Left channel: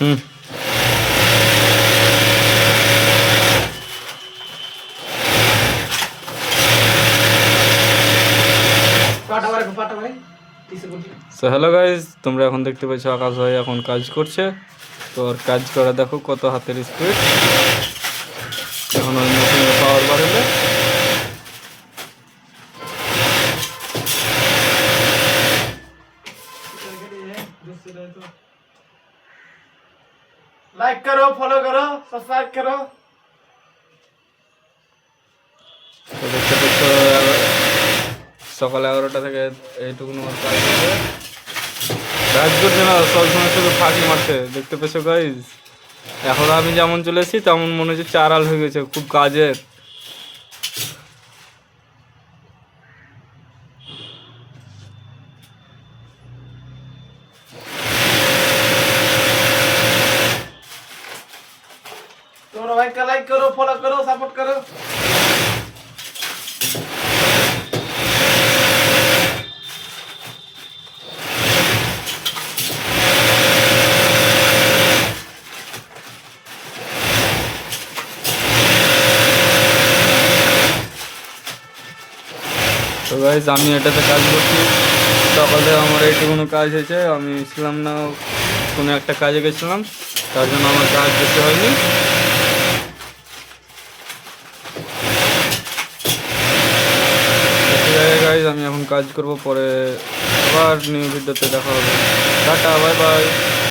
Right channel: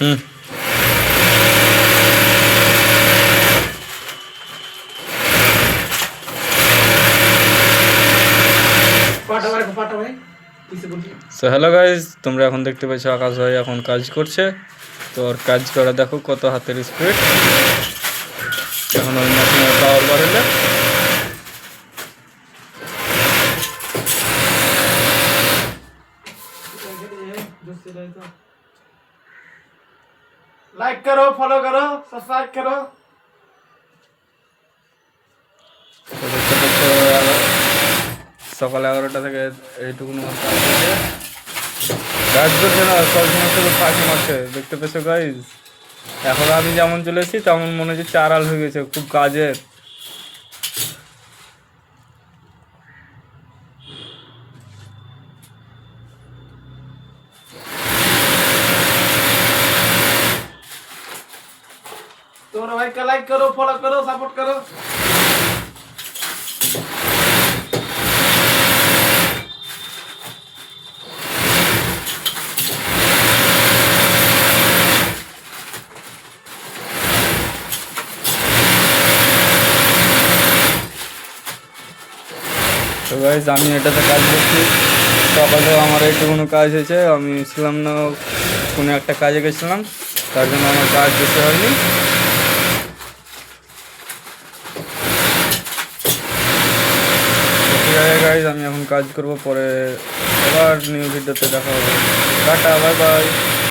হুম so hello guys, তোমরা এখন দেখতে পাচ্ছ আকাশ ভাই এখন কাজ করছে। তো ওর কাজ করা দেখো কত হাতের স্পিড। এখন ওই মেশিনের পাওয়ার বাড়ালে लाइक करो, फॉलो करो, सब्सक्राइब करो। তো দেখতে পাচ্ছ সকাল 11টা থেকে এইটুকুন ওর কাজ করছে। কাজ করছে না, সবসময় শুধু ফাঁকি মারছে। দেখতে পেছো গাইজ, এখন আমি যেমন চলে এসেছি তেমন মনে হচ্ছে চারাল হয়ে গেছে খুব কাজের। तुम्हारा भाई का लाइक करो, फॉलो करो, सपोर्ट करो। তো গাইজ আমি এটাতে কাজ করছি। সকালে আমার এইটুকুনো কাজ হয়েছে। আমি ছিলাম না, কোনো একটা কাজে গেছিলাম, তার জন্য আমার কাজ বেশি হয়নি। ঠিক আছে গাইজ, আমি এখন কাজ করব, পরে আবার নিউ ভিডিওতে দেখা হবে। Tata, bye bye.